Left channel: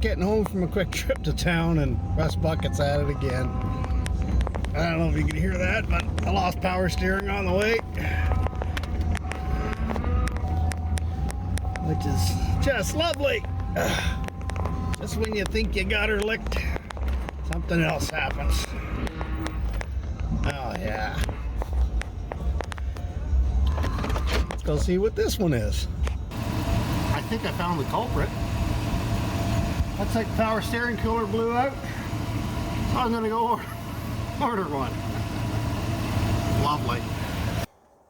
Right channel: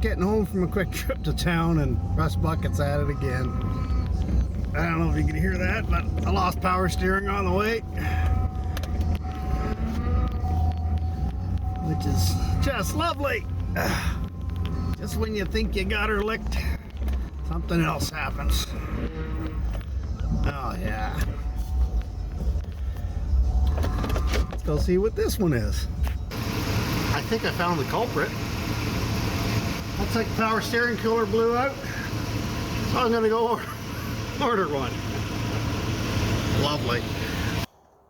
just getting home from a quick trip to town, and Rustbucket's at it again. I don't know if you can hear that, but I lost power steering on the way, which is just lovely. Just when you think you got her licked, something else happens. Oh yeah. Let's go see what this one is. I think I found the culprit. Looks like the power steering cooler blew out. So I'm gonna go order one. Lovely.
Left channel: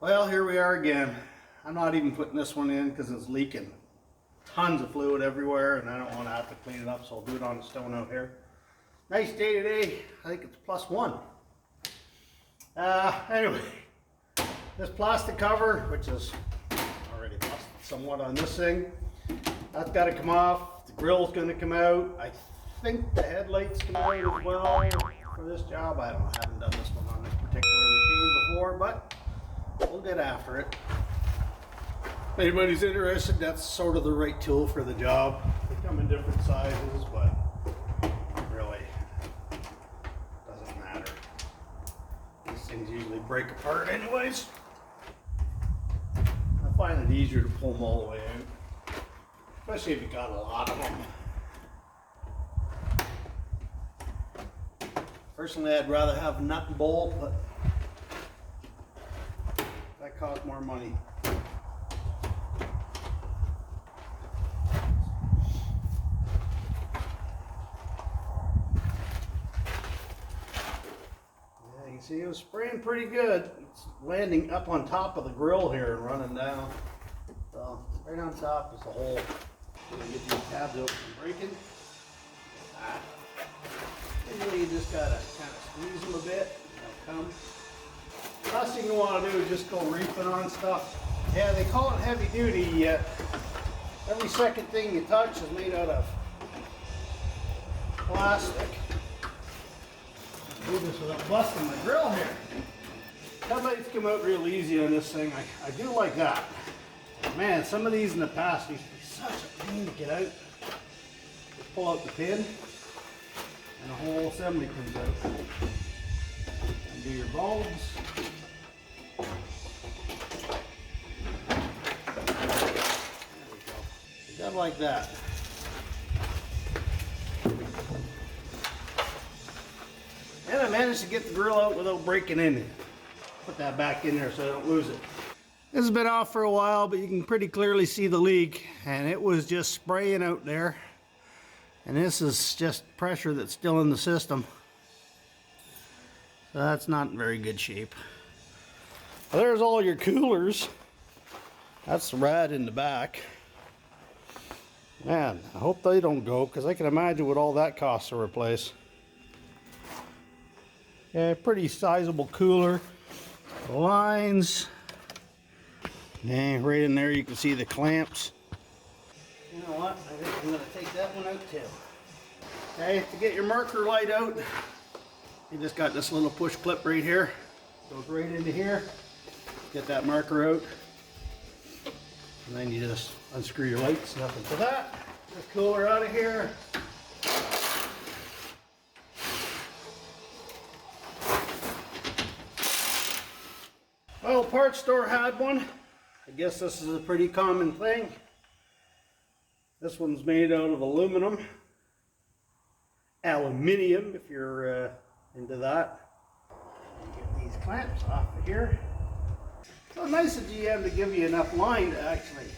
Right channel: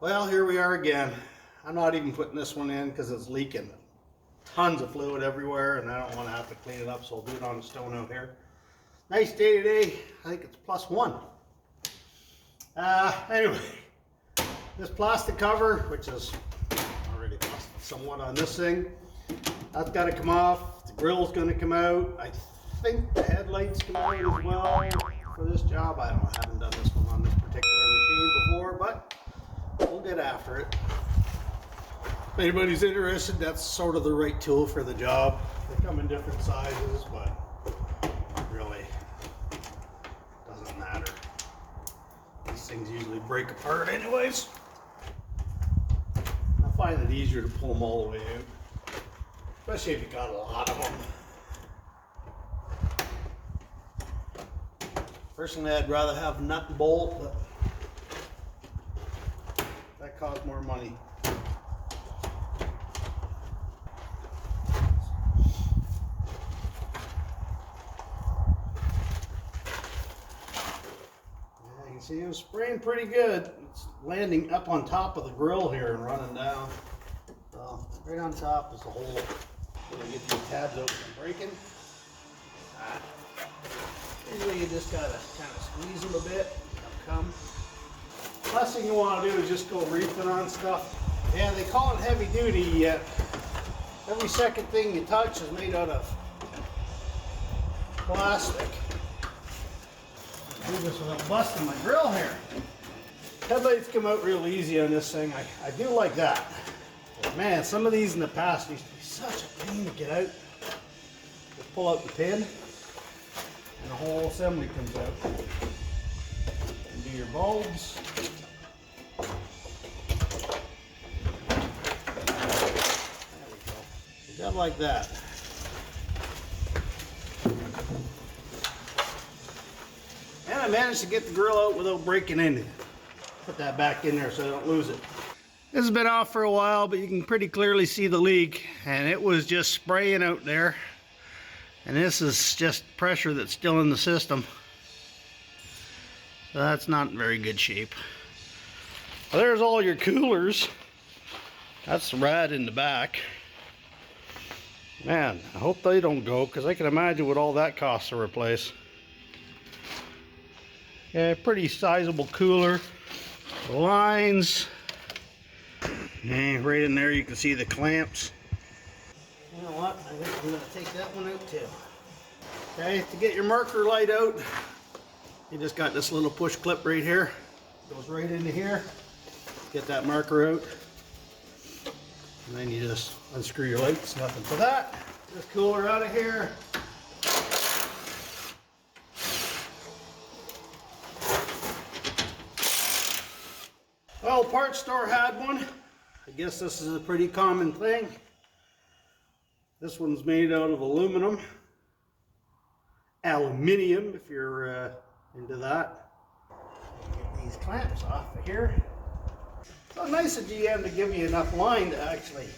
Well, here we are again. I'm not even putting this one in because it's leaking. Tons of fluid everywhere, and I don't want to have to clean it up, so I'll do it on the stone out here. Nice day today. I think it's +1. Anyway, this plastic cover, which is already busted somewhat on this thing, that's got to come off. The grill's going to come out. I think the headlights come out as well for this job. I don't know. I haven't done this one on this particular machine before, but we'll get after it. If anybody's interested, that's sort of the right tool for the job. They come in different sizes, but it really doesn't matter. These things usually break apart anyways. I find it easier to pull them all the way out, especially if you got a lot of them. Personally, I'd rather have nut and bolt, but that costs more money. You can see it was spraying pretty good. It's landing up on top of the grill here and running down. So right on top is the hole. We're gonna get these tabs out from breaking. Usually you just gotta kind of squeeze them a bit. They'll come. Last thing you want to do is just go reefing on stuff. Yeah, they call it heavy duty. Every second thing you touch is made out of plastic. Do this without busting my grill here. Headlights come out real easy on this thing. I do like that. But man, some of these in the past used to be such a pain to get out. Just pull out the pin and the whole assembly comes out. Undo your bulbs. There we go. You got like that. And I managed to get the grill out without breaking anything. Put that back in there so I don't lose it. This has been off for a while, but you can pretty clearly see the leak, and it was just spraying out there. And this is just pressure that's still in the system. So that's not in very good shape. Well, there's all your coolers. That's the rad in the back. Man, I hope they don't go, because I can imagine what all that costs to replace. Yeah, pretty sizable cooler. Lines. And right in there you can see the clamps. You know what? I think I'm going to take that one out too. Okay, to get your marker light out, you just got this little push clip right here. Goes right into here. Get that marker out. And then you just unscrew your lights. Nothing for that. This cooler out of here. Well, parts store had one. I guess this is a pretty common thing. This one's made out of aluminum. Aluminium, if you're into that. Get these clamps off of here. So nice of GM to give you enough line to actually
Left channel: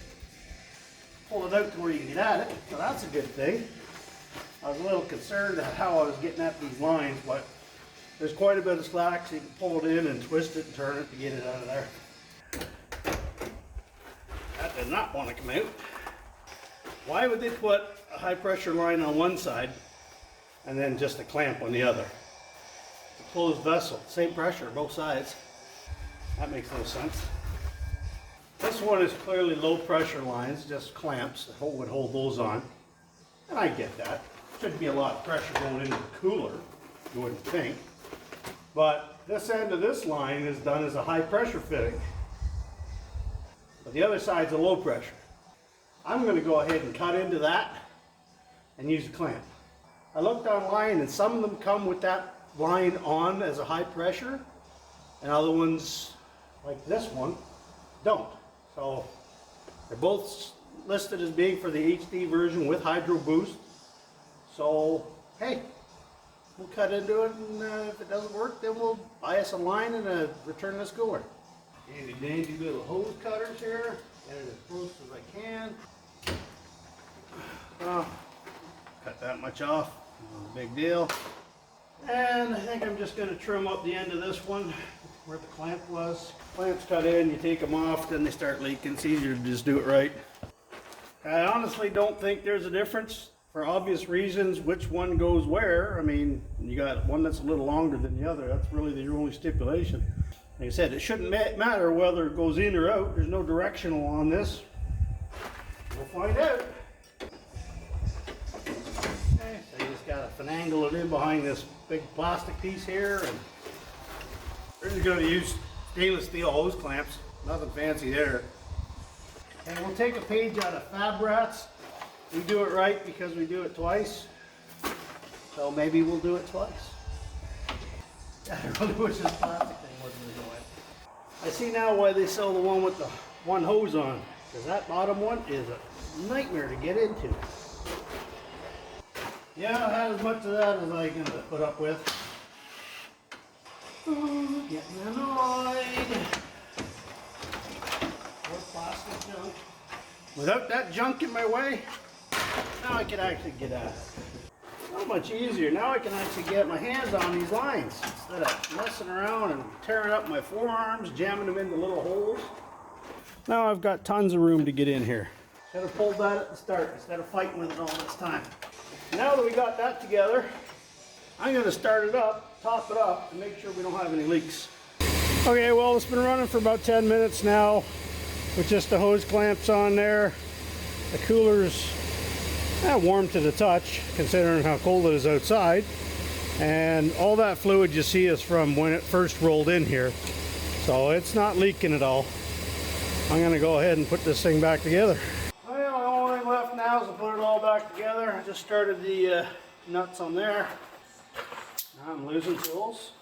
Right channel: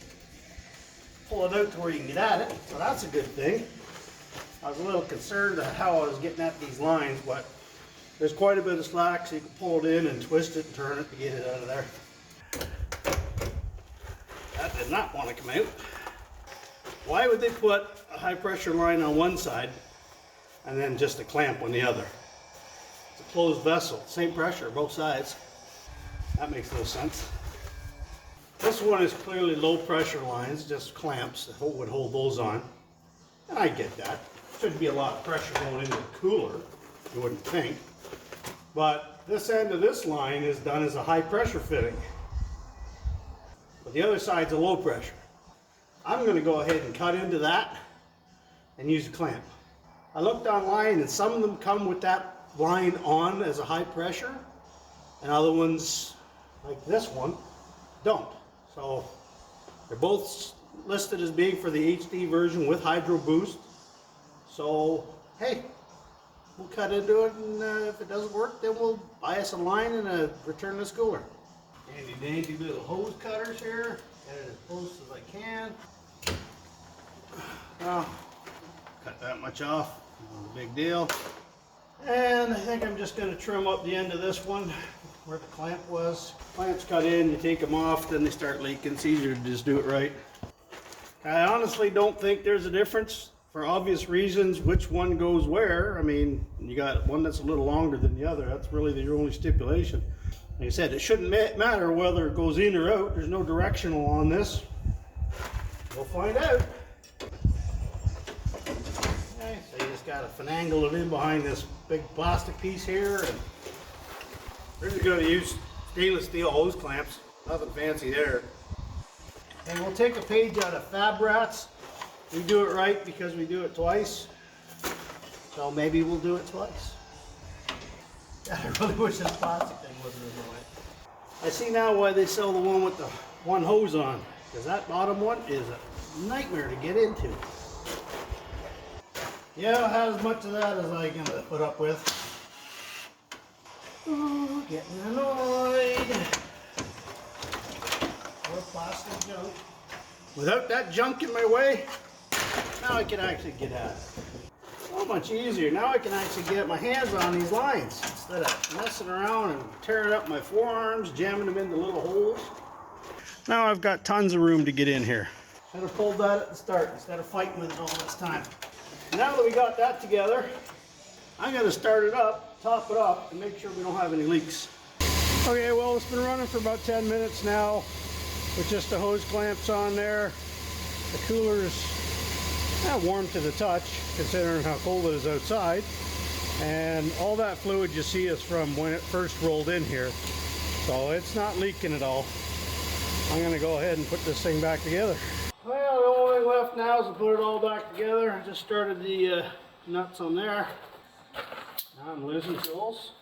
pull it out to where you can get at it. So that's a good thing. I was a little concerned at how I was getting at these lines, but there's quite a bit of slack, so you can pull it in and twist it and turn it to get it out of there. That did not want to come out. Why would they put a high pressure line on one side and then just a clamp on the other? It's a closed vessel, same pressure both sides. That makes no sense. This one is clearly low pressure lines, just clamps that would hold those on. And I get that. Shouldn't be a lot of pressure going into the cooler, you wouldn't think. But this end of this line is done as a high pressure fitting. But the other side's a low pressure. I'm going to go ahead and cut into that and use a clamp. I looked online and some of them come with that line on as a high pressure, and other ones, like this one, don't. So they're both listed as being for the HD version with HydroBoost. So hey, we'll cut into it, and if it doesn't work, then we'll buy us a line and a returnless cooler. Handy dandy little hose cutters here. Get it as close as I can. Well, cut that much off, not a big deal. And I think I'm just going to trim up the end of this one where the clamp was. Clamps cut in, you take them off, then they start leaking. It's easier to just do it right. I honestly don't think there's a difference, for obvious reasons, which one goes where. I mean, you got one that's a little longer than the other. That's really the only stipulation. Like I said, it shouldn't matter whether it goes in or out. There's no directional on this. We'll find out. Okay, so you just gotta finagle it in behind this big plastic piece here, and we're just gonna use stainless steel hose clamps. Nothing fancy there. And we'll take a page out of Fab Rats. We do it right because we do it twice. So maybe we'll do it twice. I really wish this plastic thing wasn't in the way. I see now why they sell the one with the one hose on, because that bottom one is a nightmare to get into. Yeah, I had as much of that as I can put up with. Oh, getting annoyed. More plastic junk. Without that junk in my way, now I can actually get at it. So much easier. Now I can actually get my hands on these lines instead of messing around and tearing up my forearms, jamming them into little holes. Now I've got tons of room to get in here. Should have pulled that at the start instead of fighting with it all this time. Now that we got that together, I'm going to start it up, top it up, and make sure we don't have any leaks. Okay, well, it's been running for about 10 minutes now with just the hose clamps on there. The cooler's warm to the touch, considering how cold it is outside. And all that fluid you see is from when it first rolled in here. So it's not leaking at all. I'm going to go ahead and put this thing back together. Well, the only thing left now is to put it all back together. I just started the nuts on there. Now I'm losing tools.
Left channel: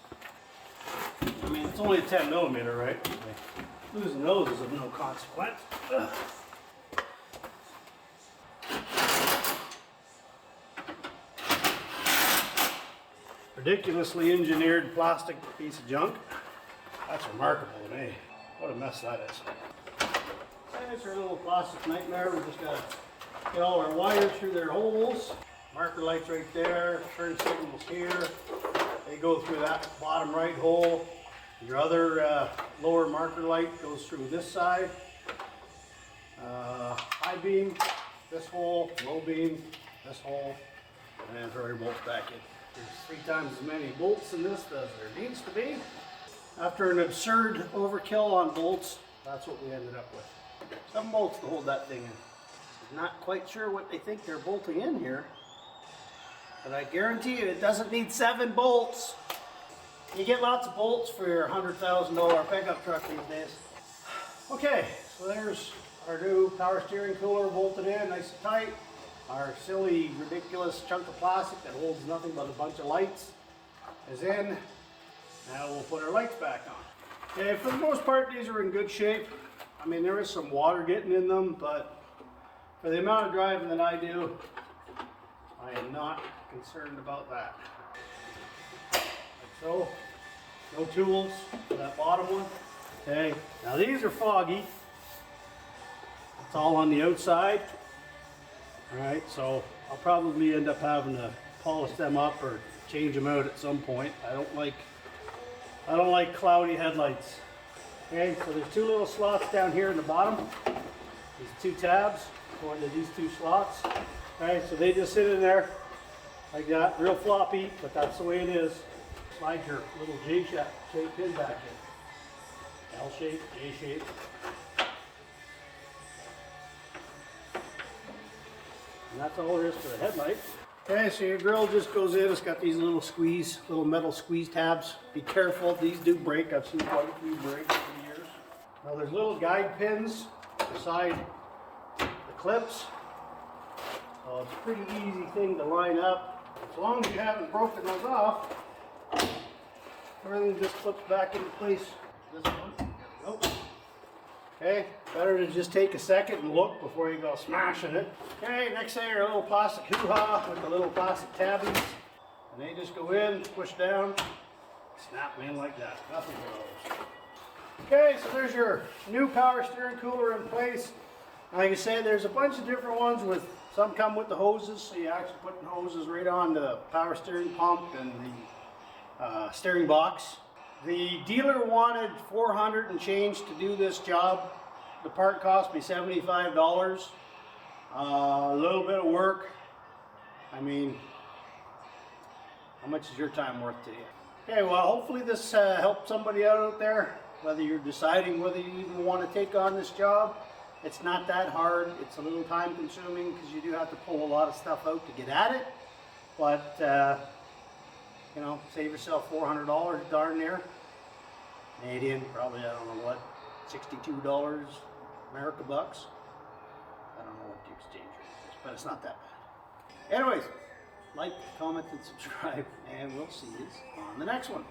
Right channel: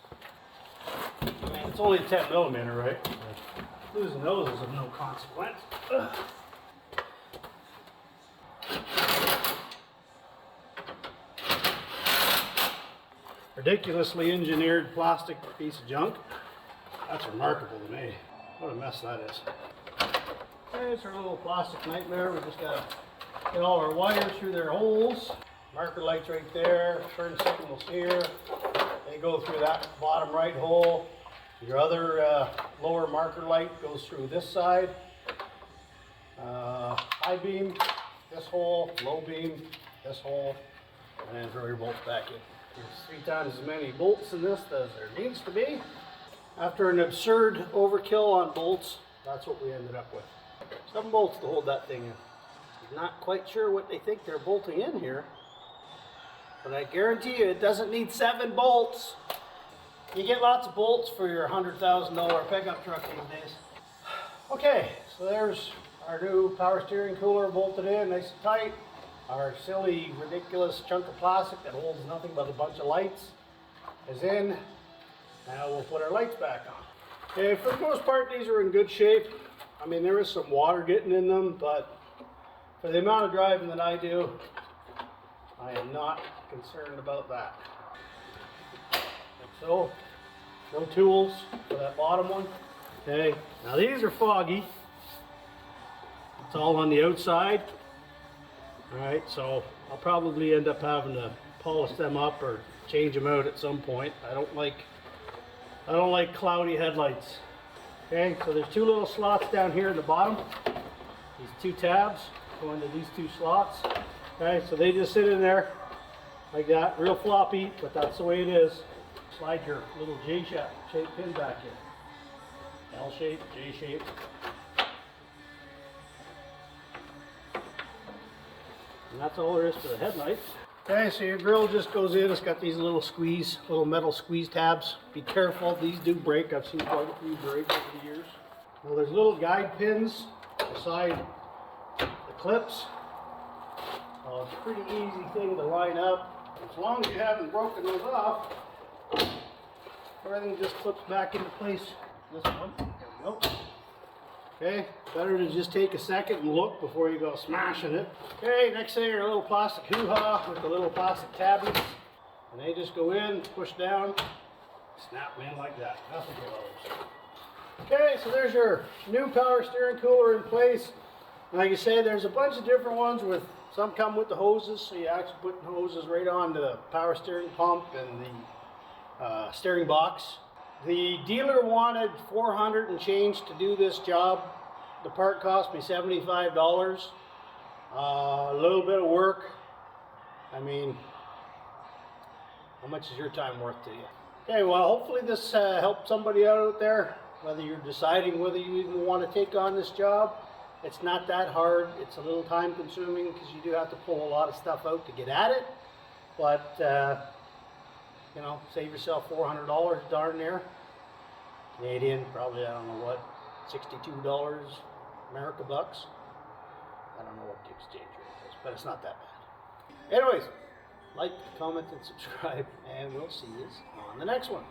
I mean, it's only a 10 millimeter, right? Like, losing those is of no consequence. Ridiculously engineered plastic piece of junk. That's remarkable to me. What a mess that is. Okay, it's our little plastic nightmare. We just gotta get all our wires through their holes. Marker lights right there, turn signals here. They go through that bottom right hole. Your other lower marker light goes through this side. High beam, this hole, low beam, this hole, and throw your bolts back in. There's 3 times as many bolts in this as there needs to be. After an absurd overkill on bolts, that's what we ended up with. 7 bolts to hold that thing in. I'm not quite sure what they think they're bolting in here, but I guarantee you it doesn't need 7 bolts. You get lots of bolts for your $100,000 pickup truck these days. Okay, so there's our new power steering cooler bolted in nice and tight. Our silly, ridiculous chunk of plastic that holds nothing but a bunch of lights is in. Now we'll put our lights back on. Okay, for the most part, these are in good shape. I mean, there is some water getting in them, but for the amount of driving that I do, I am not concerned about that. Like so. No tools for that bottom one. Okay, now these are foggy. It's all on the outside. Alright, so I'll probably end up having to polish them up or change them out at some point. I don't like cloudy headlights. Okay, so there's 2 little slots down here in the bottom. These 2 tabs go into these 2 slots. Okay, so they just sit in there like that, real floppy, but that's the way it is. Slide your little J-shaped pin back in. L shape, J shape. And that's all there is for the headlights. Okay, so your grill just goes in. It's got these little metal squeeze tabs. Be careful, these do break. I've seen quite a few break over the years. Now there's little guide pins beside the clips. So So it's a pretty easy thing to line up. As long as you haven't broken those off, everything just clips back into place. This one, there we go. Okay, better to just take a second and look before you go smashing it. Okay, next thing are a little plastic hoo-ha with the little plastic tabbies. And they just go in, push down, snap them in like that. Nothing but those. Okay, so there's your new power steering cooler in place. Like I said, there's a bunch of different ones with, some come with the hoses, so you actually put the hoses right on the power steering pump and the steering box. The dealer wanted $400 and change to do this job. The part cost me $75. A little bit of work. I mean, how much is your time worth to you? Okay, well, hopefully this helped somebody out there, whether you're deciding whether you even want to take on this job. It's not that hard. It's a little time consuming because you do have to pull a lot of stuff out to get at it. But, you know, save yourself $400 darn near. Canadian, probably, I don't know what, $62 America bucks. I don't know what the exchange rate is, but it's not that bad. Anyways, like, comment, and subscribe, and we'll see you on the next one.